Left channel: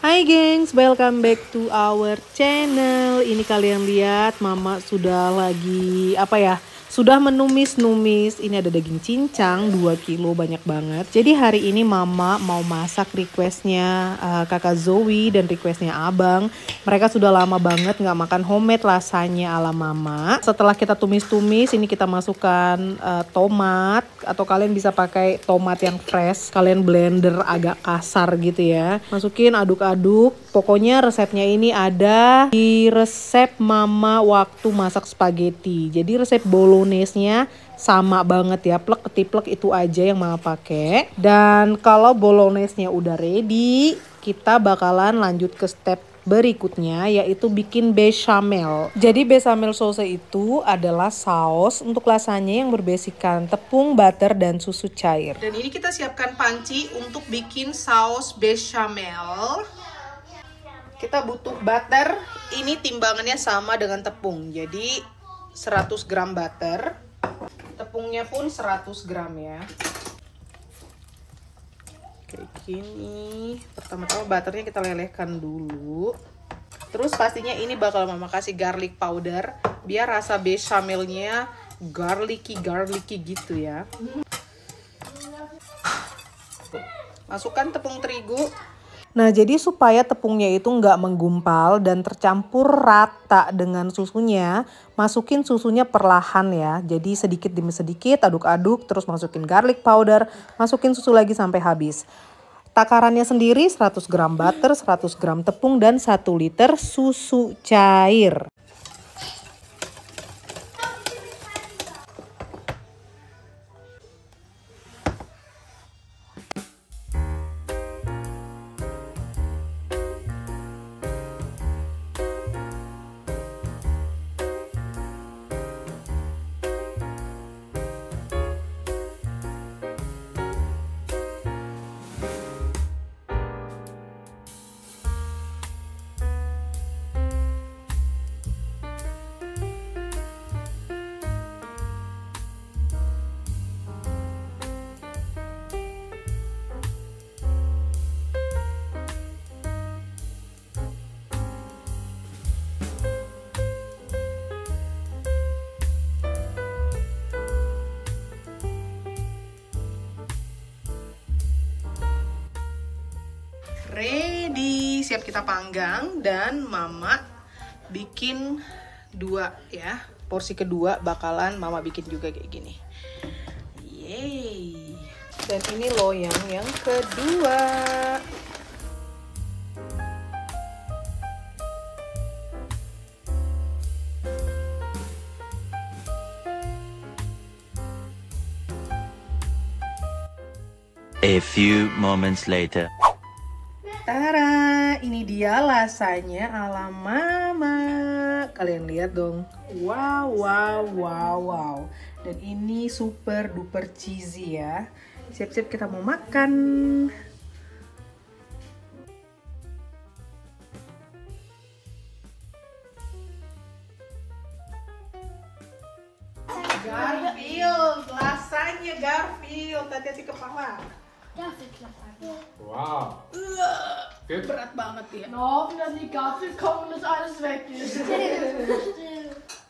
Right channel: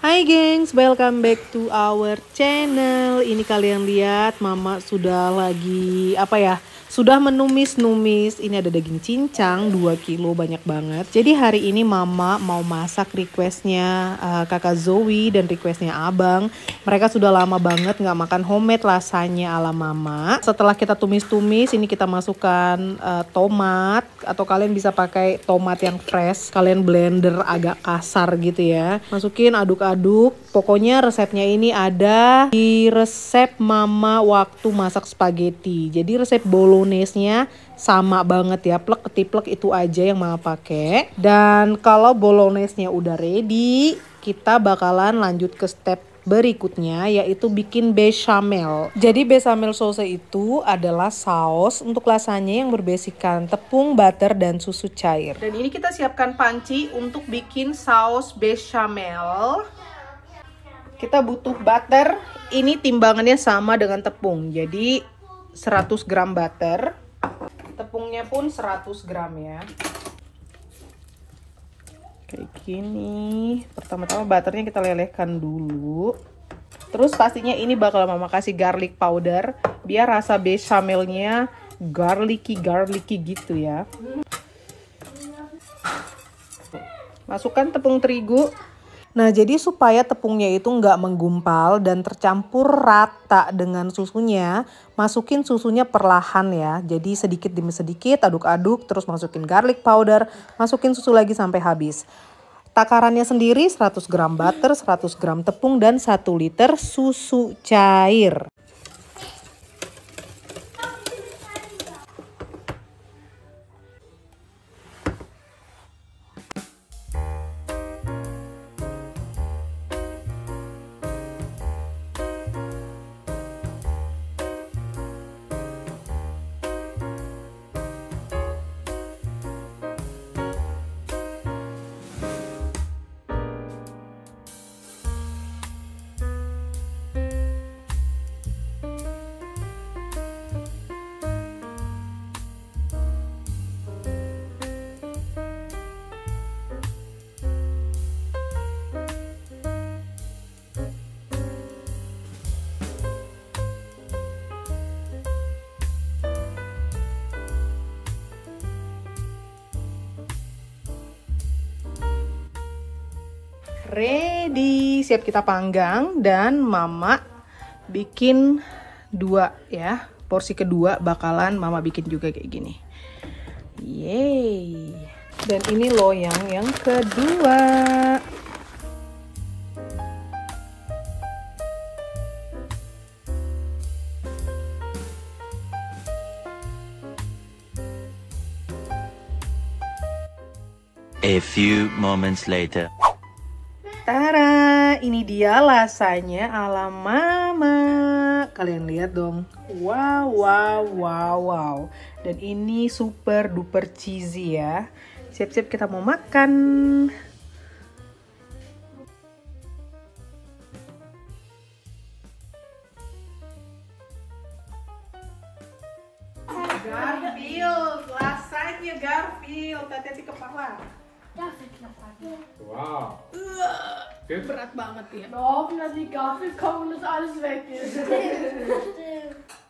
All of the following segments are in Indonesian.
Hai gengs, welcome back to our channel. Ini kalian lihat mama sudah lagi sudah menumis-numis. Ini ada daging cincang 2 kilo, banyak banget. Jadi hari ini mama mau masak requestnya kakak Zoe dan requestnya abang. Mereka sudah lama banget nggak makan homemade lasanya ala mama. Setelah kita tumis-tumis, ini kita masukkan tomat. Atau kalian bisa pakai tomat yang fresh. Kalian blender agak kasar gitu ya. Masukin, aduk-aduk. Pokoknya resepnya ini ada di resep mama waktu masak spaghetti. Jadi resep bolognese-nya sama banget ya, plek ketiplek itu aja yang mama pakai. Dan kalau bolognese-nya udah ready, kita bakalan lanjut ke step berikutnya, yaitu bikin bechamel. Jadi bechamel sauce itu adalah saus untuk lasanya yang berbasikan tepung, butter, dan susu cair. Dan ini kita siapkan panci untuk bikin saus bechamel. Kita butuh butter, ini timbangannya sama dengan tepung, jadi 100 gram butter. Tepungnya pun 100 gram ya. Kayak gini. Pertama-tama butternya kita lelehkan dulu. Terus pastinya ini bakal mama kasih garlic powder, biar rasa bechamelnya garlicky gitu ya. Masukkan tepung terigu. Nah, jadi supaya tepungnya itu nggak menggumpal dan tercampur rata dengan susunya, masukin susunya perlahan ya. Jadi sedikit demi sedikit, aduk-aduk, terus masukin garlic powder, masukin susu lagi sampai habis. Takarannya sendiri 100 gram butter, 100 gram tepung, dan 1 liter susu cair. Ready, siap kita panggang. Dan mama bikin 2 ya, porsi kedua bakalan mama bikin juga kayak gini. Yeay. Dan ini loyang yang kedua. A few moments later. Tara, ini dia lasanya ala mama. Kalian lihat dong. Wow. Dan ini super duper cheesy ya. Siap-siap kita mau makan. Garfield, lasanya Garfield. Hati-hati kepala. Wow. Berat banget ya. No, wenn die Gabel kommt und das alles weg ist.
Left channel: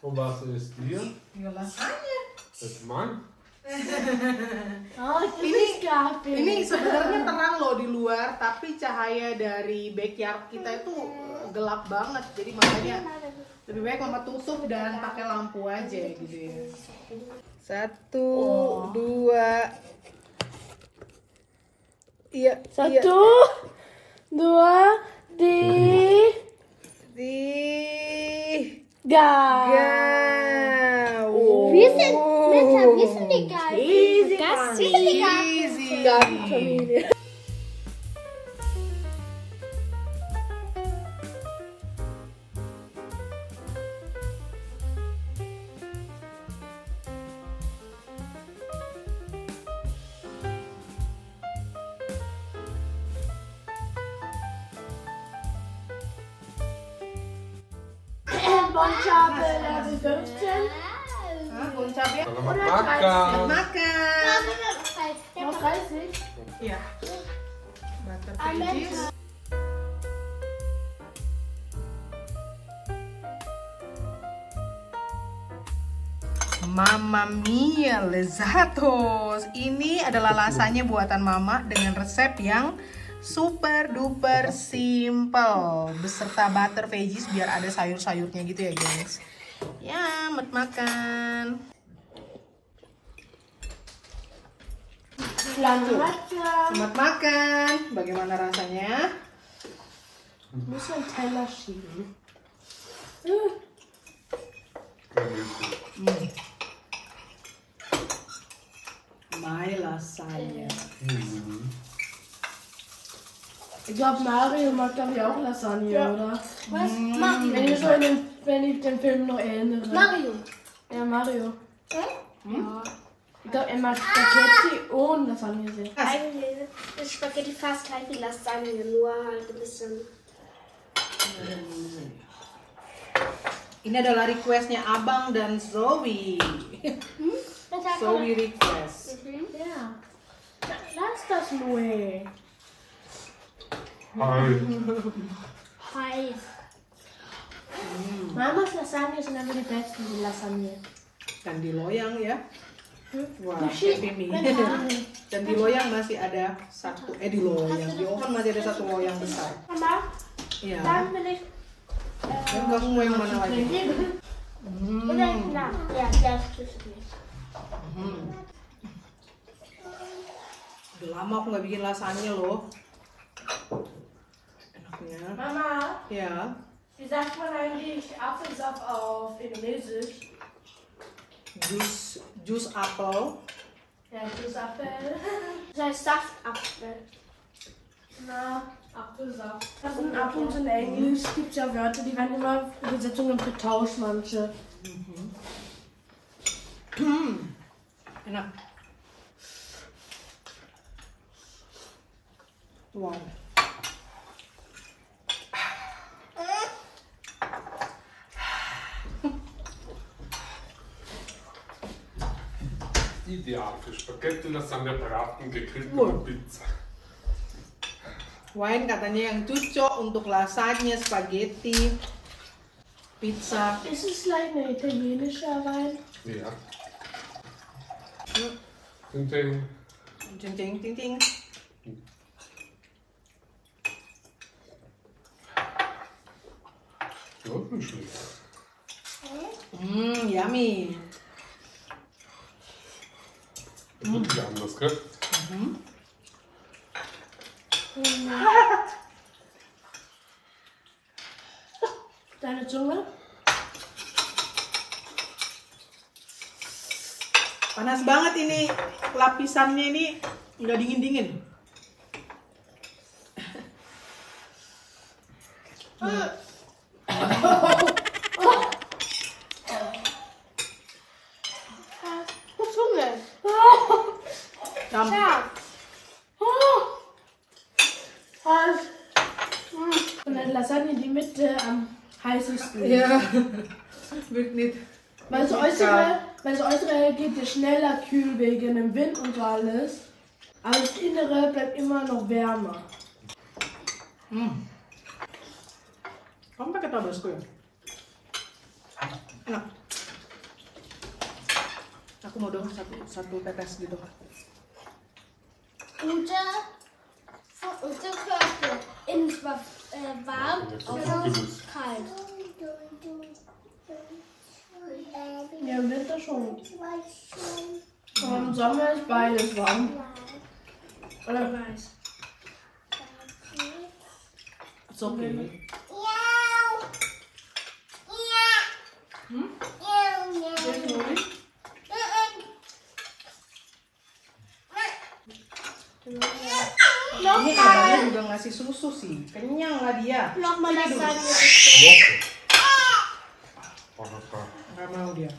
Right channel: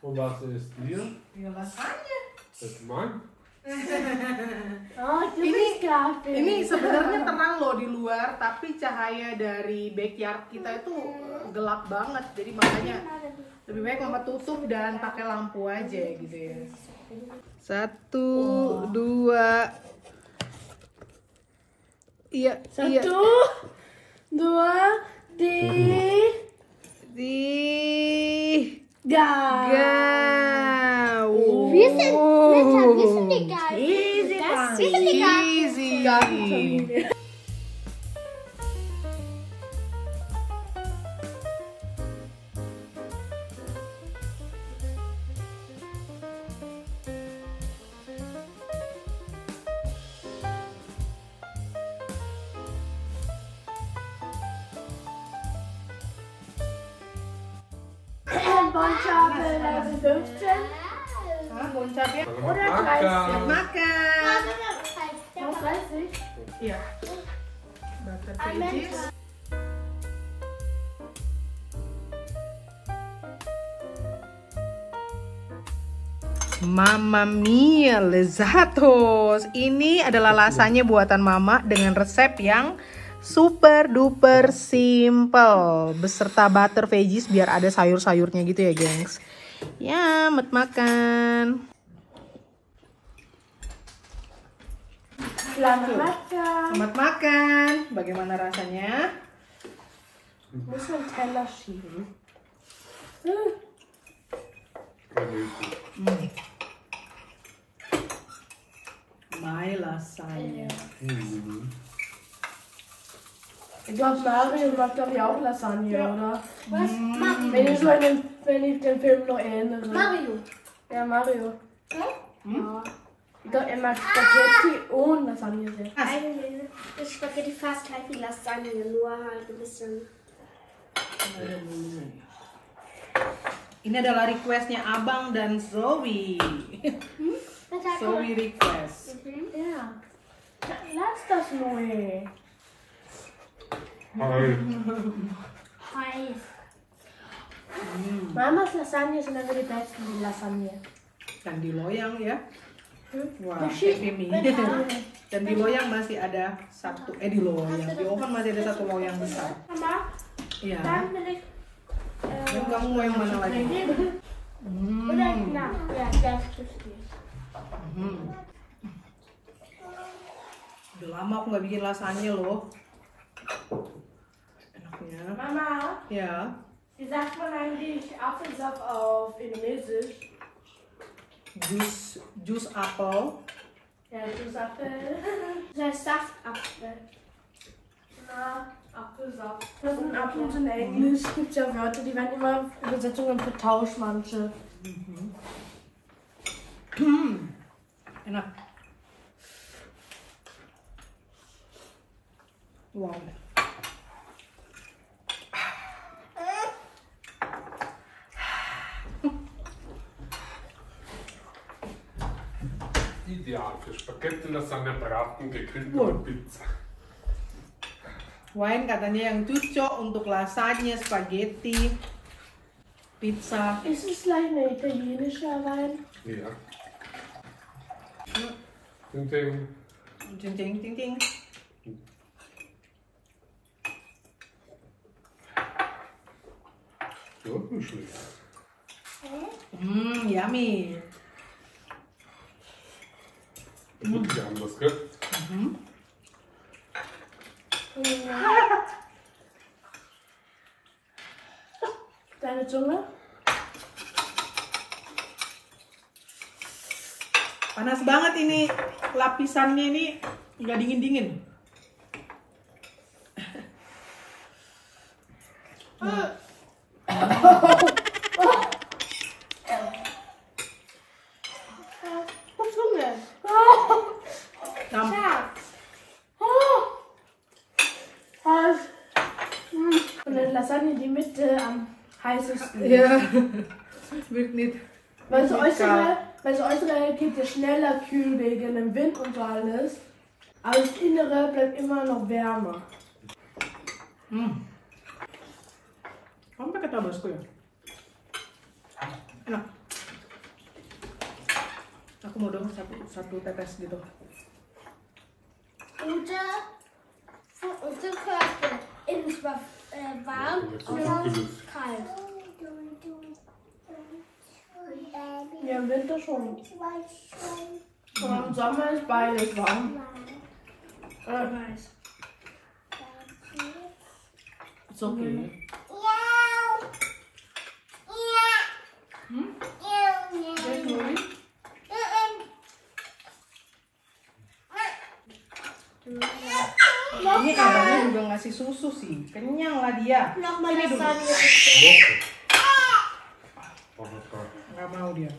Und was ist dir? Ya lasanya. Das ist mein. Oh, das Ini ist Gabel. Ini sebenarnya terang loh di luar, tapi cahaya dari backyard kita itu gelap banget. Jadi makanya lebih baik mama tutup dan pakai lampu aja gitu ya. 1, 2. Iya. 1, 2, 3. Wir sind die Geigen. Easy. Bonchabe Level 15. Boncapnya Oder makan. makan. Noch 30. Iya. Butter pages. Mamma mia, lezatos. Ini adalah lasanya buatan mama dengan resep yang super duper simple. Beserta butter veggies biar ada sayur-sayurnya gitu ya, gengs. Ya, makan. Selamat makan. Bagaimana rasanya? Muss man Teller schieben. My lasagna. Ich glaube, Mario mag glaube ich auch Lasagne, oder? Was? Mario. Wenn ich den Film noch erinnere. Mario. Ja, Mario. Hä? Ja. Ich glaube, er mag Spaghetti und Lasagne sehr. Eigentlich ist Spaghetti fast gleich wie Lasagne, nur halt ein bisschen. Ini adalah requestnya Abang dan Zoe. Zoe request. Ja. Lass das nur. Hi. Heiß. Mamas Lasagne sind einfach die besten, die Lasagne. Dan di loyang ya. Wah, Masih- happy me. Dan di loyang masih ada satu, di loyang, di oven masih ada satu loyang besar. Mama, Iya. dann will ich. Dan kamu mau yang mana lagi? Oder na, ja, das ist nicht. Udah lama aku nggak bikin lasagna loh. Enaknya. Mama, Ya. wie sagt man eigentlich Apfelsaft auf Indonesisch? Jus apel. Ja, das ist Apfel. Das heißt Saftapfel. Na, Apfelsaft. Was ist ein Apfel in Englisch? Gibt es ja Wörter, die werden immer Übersetzungen vertauscht, manche. Enak. Wow. Ideal für Spaghetti, Lasagne, Braten, gegrillte Wohl. und Pizza. Wine katanya yang cocok untuk lasagna, spaghetti, pizza. Ist es gleich eine italienische Wein? Ja. Ding, ding. Ting ting ting ting. Ja, nicht schlecht. Yummy. Wirklich anders, gell? Deine Zunge? Panas banget ini lapisannya ini, nggak dingin-dingin. Zunge. Sam- Ja. Und dann Lasagne die Mitte am heißesten. Ja, wird nicht. Weil das nicht kalt. Äußere geht ja schneller kühl wegen dem Wind und so alles. Aber das Innere bleibt immer noch wärmer. Kamu pakai tabasco ya? Enak. Aku mau dong satu tetes gitu. Ute, von Ute Körper. Innen war warm Ja, jetzt und ist es außen gewiss. kalt. Ja, im Winter schon. Aber im Sommer ist beides warm. Oder? It's okay. Jetzt nur nicht. Ini abangnya juga ngasih susu sih. Kenyang lah dia. Nochmal Lasagne. Woche. Oh, lecker. Nggak mau dia.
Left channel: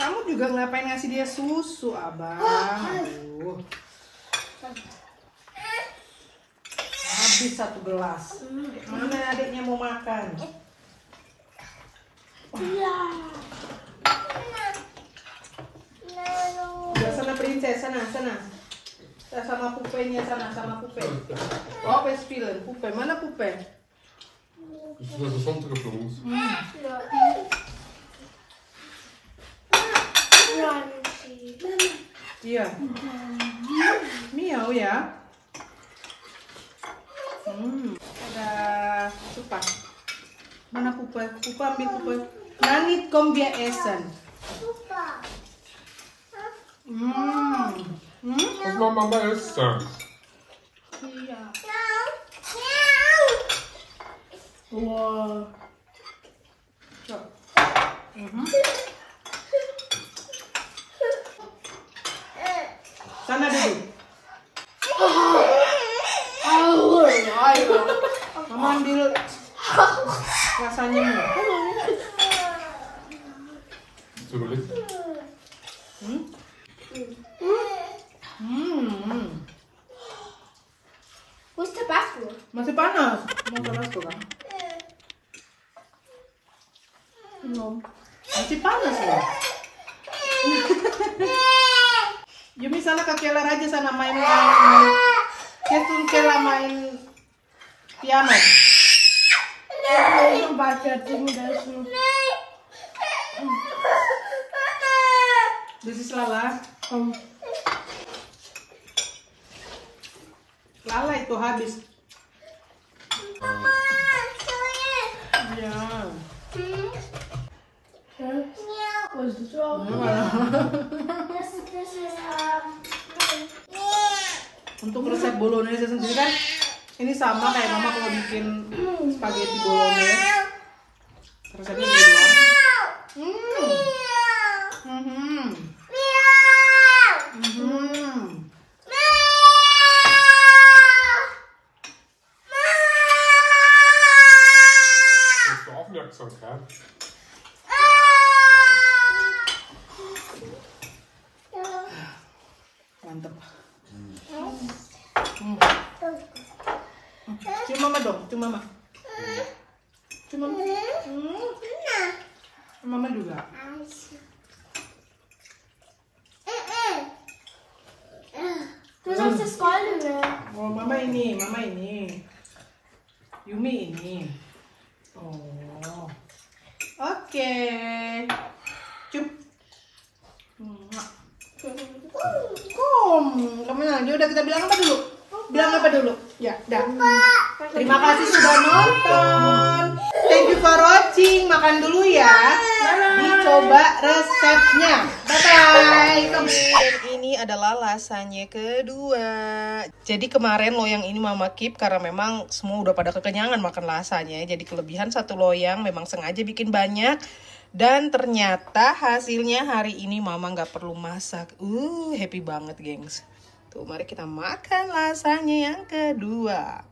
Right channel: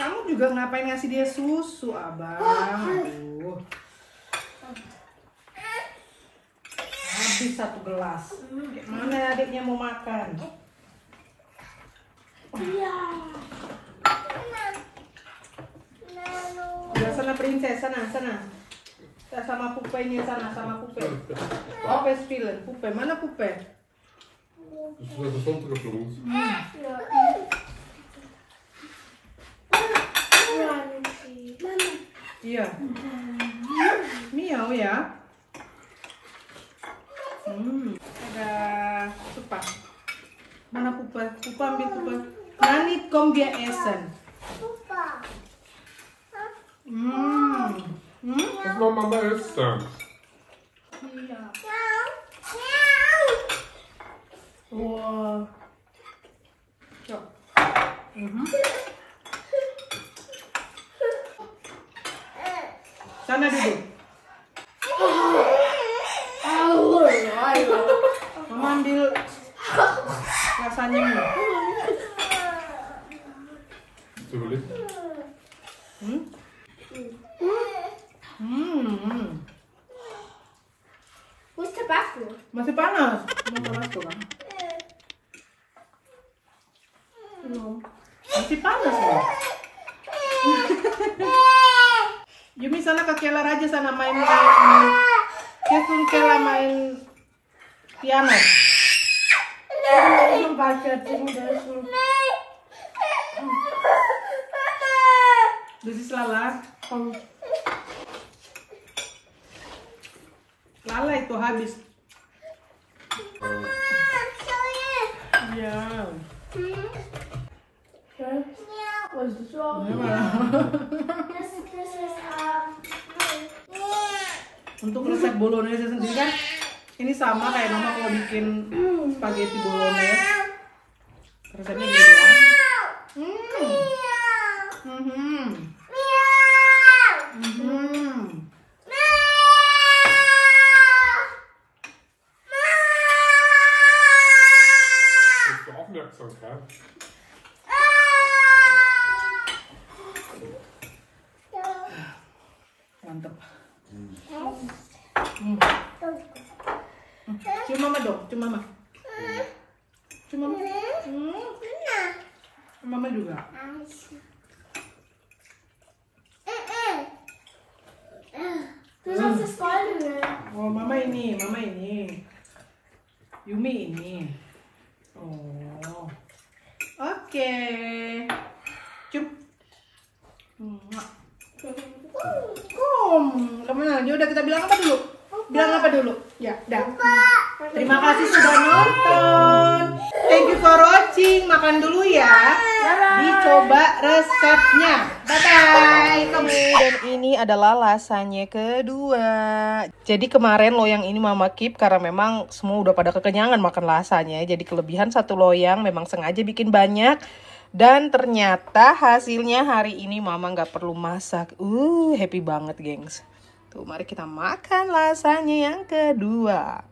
Kamu juga ngapain ngasih dia susu, abang? Aduh. Habis satu gelas. Mana adiknya mau makan? Udah sana princess, sana. Sama pupenya sana, sama pupe. Oh, spielen. Pupe, mana pupe? Ist das runtergeflogen? Iya. Miau ya. Ada Pupa. Mana Pupa? Pupa ambil Pupa. Nanit kom wir essen. Was will Mama essen? Ja. Wow. So. Sana duduk. Mama ambil rasanya nih. Sulit. Wo ist Tabasco? Masih panas. Mau panas tuh kan? Masih panas loh. Yumi sana ke Kelar aja sana main. Ketun Kela main piano. Ich baca das. Das ist Lala. Lala itu habis. Ya. Was ist so? Untuk resep bolognese sendiri kan ini sama kayak mama kalau bikin spaghetti bolognese. Resepnya gitu doang. Hast du Aufmerksamkeit? Mantep. Cium mama dong, cium mama. Cium mama. Mama juga. Du sagst das Goldene. Oh, mama ini. Yumi ini. Oh. Oke. Cium. Kamu aja udah kita bilang apa dulu? Bilang apa dulu? Ya, dah. Terima kasih sudah nonton. Thank you for watching. Makan dulu ya. Dicoba resepnya. Bye-bye. Dan ini adalah lasanya kedua. Jadi kemarin loyang ini mama keep karena memang semua udah pada kekenyangan makan lasanya. Jadi kelebihan satu loyang memang sengaja bikin banyak. Dan ternyata hasilnya hari ini mama nggak perlu masak. Happy banget gengs. Tuh mari kita makan lasanya yang kedua.